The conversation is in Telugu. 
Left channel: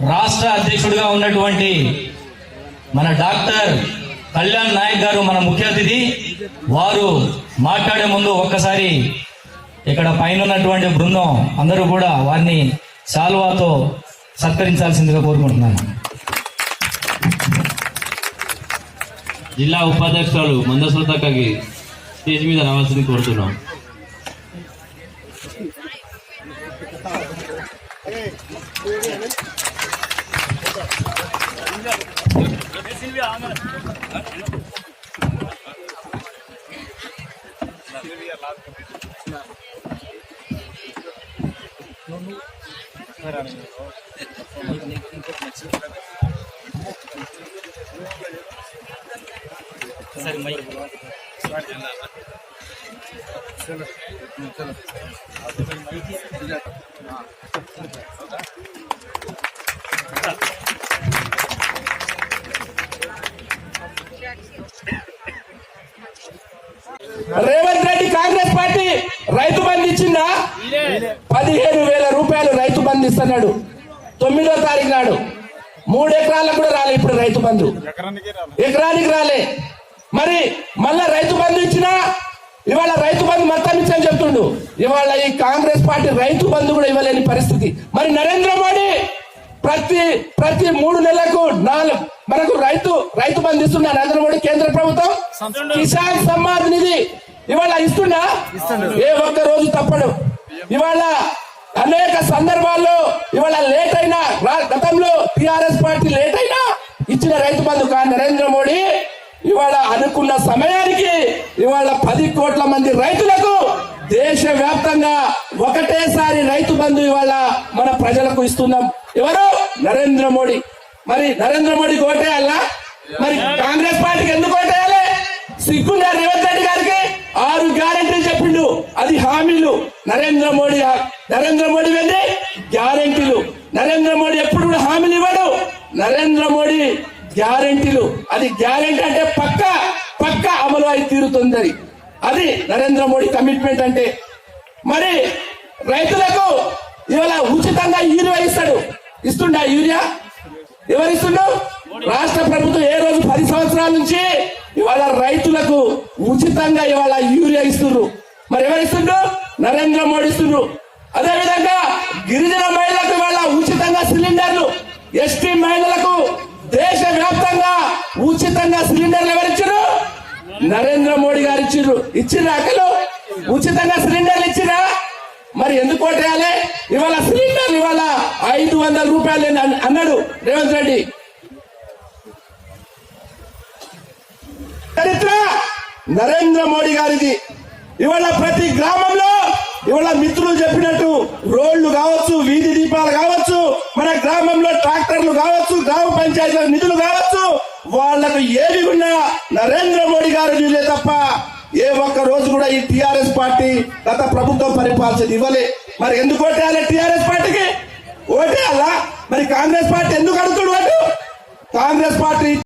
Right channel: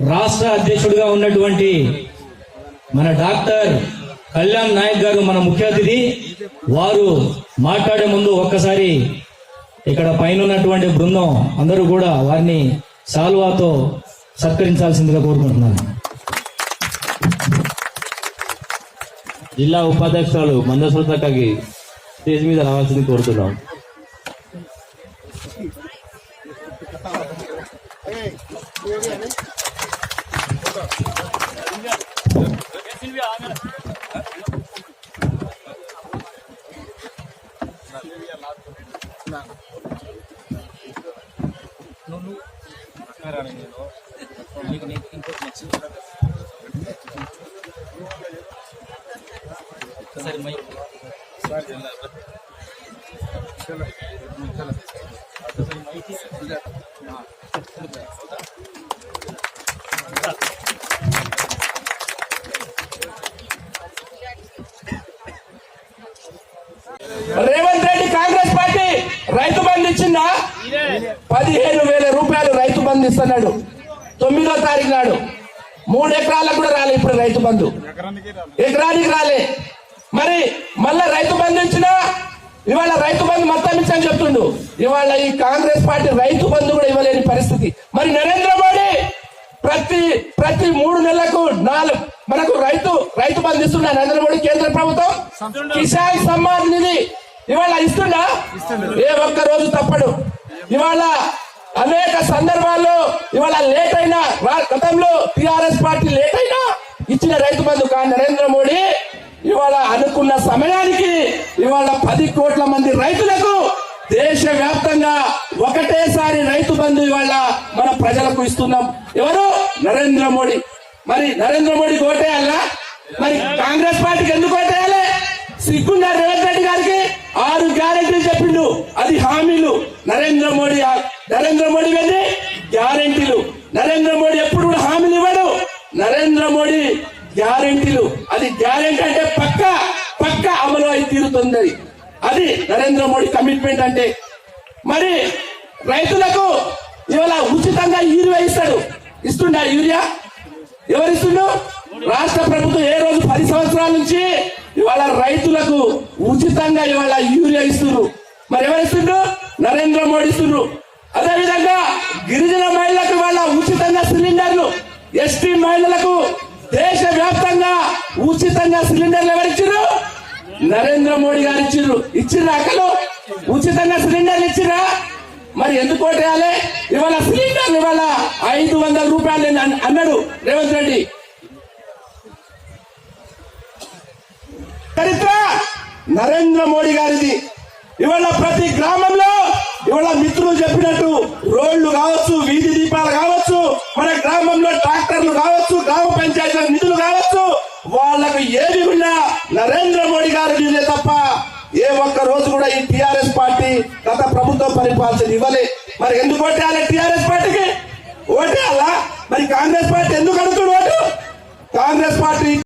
రాష్ట్ర అధ్యక్షుడిగా ఉన్నటువంటి మన డాక్టర్ కళ్యాణ్ నాయక్ గారు మన ముఖ్య అతిథి. వారు మాట్లాడే ముందు ఒక్కసారి ఇక్కడ పైన ఉన్నటువంటి బృందం అందరూ కూడా వారిని సాల్వాతో సత్కరించాల్సిందిగా కోరుకుంటున్నాను. జిల్లా ఉపాధ్యక్షురాలు మందశ్రద్ధకి స్టేజ్ మీద రావాల్సింది चलो चलो రేవంత్ రెడ్డి కాంగ్రెస్ పార్టీ రైతు బంధు ఇచ్చిందా? పదిహేను వేల రూపాయలు రైతు బంధు ఇస్తున్నాడు. తొమ్మిదో తారీఖు నాడు. మూడు ఎకరాలకు కూడా రాలే ఇప్పుడు రైతు బంధు. ఎకరానికి రాలే. మరి మళ్ళా రైతు బంధు ఇచ్చినా ఇవాళ రైతు బంధు మొత్తం ఇచ్చని చెప్తుండు. ఇవాళ ఈ కాంగ్రెస్ పార్టీ రైతు బంధు కూడా ఇవ్వలేని పరిస్థితి. మరి నరేంద్ర మోడీ ప్రతి ప్రతి మూడు నెలలకు నాలుగు మనకు రైతు రైతు బంధు ఇస్తున్న నరేంద్ర మోడీ కేంద్ర ప్రభుత్వం. కిసాన్ సమ్మాన్ నిధి ఇవాళ ఇస్తుండా ఏ ఒక్క రోజు తప్పడు ఇవాళ అనేక సందర్భాల్లో ఇవాళ లేట్ అయినా గతంలో టిఆర్ఎస్ పార్టీ లేట్ అయినా ఇచ్చిన రైతు బంధు కానీ నరేంద్ర మోడీ ఇవాళ అనుకున్న సమయానికి ఇవాళ పది కోట్ల మంది రైతులకు దేశ వ్యాప్తంగా ఒకటేసారి రైతు బంధు ఇవాళ మన ప్రజలకు ఇస్తున్నాం. ఎవరు? నరేంద్ర మోడీ. మరి నరేంద్ర మోడీకి ఓటేయాలా మరి కాంగ్రెస్ పార్టీకి ఎందుకు ఓటేయాలి సిగ్గున్నారు రేవంత్ రెడ్డి గారికి ఆరు గ్యారెంటీలు చెప్పిండు. అది హామీలు. నరేంద్ర మోడీ నరేంద్ర మోడీ వెళ్ళి గ్యారెంటీలు. నరేంద్ర మోడీ ఎప్పుడు కూడా హామీలు ఇవ్వడు. నరేంద్ర మోడీ గ్యారెంటీలు. అది గ్యారెంటీ అంటే పక్క పక్క అమలు అయి తీరుతుంది అది. నరేంద్ర మోడీ కమిట్మెంట్ అంటే. మరి రైతులకు ఇవాళ ఉచితంగా యూరియా ఇస్తాడు. ఇస్తుండా యూరియా? ఎవరు ఇస్తుండు రాష్ట్ర ప్రభుత్వం ఏ రోజు పది సంవత్సరాల నుంచి ఇవాళ రైతులకు ఉచితంగా ఇవాళ యూరియా ఇస్తున్నారు. మరి ఎవరిస్తుండ్రు నరేంద్ర మోడీ ఇస్తుండ్రు అదే విధంగా గిరిజన మహిళలకు ఇవాళ ఉచితంగా సిలిండర్లు. ఎస్టీ మహిళలకు దేశ వ్యాప్తంగా ఉచితంగా సిలిండర్లు ఎవరిచ్చారు నరేంద్ర మోడీ గారు ఇచ్చిర్రు ఇచ్చిన అక్కలు? ఉచితంగా సిలిండర్లు ఇచ్చిరా? మరి ఎందుకు ఓటేయాలి ఇవాళ సిలిండర్ ఇవాళ ఐదు వందల రూపాయలు అని అన్నాడు రేవంత్ రెడ్డి. చరిత్ర నరేంద్ర మోడీ గారిది. ఇవాళ ప్రతి గ్రామంలో ఇవాళ మిత్రులు చెప్పినట్టు రోడ్లు కావచ్చు వీధి దీపాలు కావచ్చు మన గ్రామంలో ట్రాక్టర్లు కావచ్చు గ్రామ పంచాయతీల నిధులు కావచ్చు వాళ్ళకు ఏది ఉన్నా నరేంద్ర మోడీ గారి నిధులే తప్ప ఏ ఒక్క రోజు కూడా ఈ టిఆర్ఎస్ పార్టీ గత ప్రభుత్వం పరిపాలించింది ఇవ్వలే. మరి ఎందుకు ఓటేయాలి టిఆర్ఎస్ పార్టీకి? ఓటేయాలా? మరి కాంగ్రెస్ పార్టీ ఎందుకు అడుగుతుడు ఓటు? కాంగ్రెస్ పార్టీ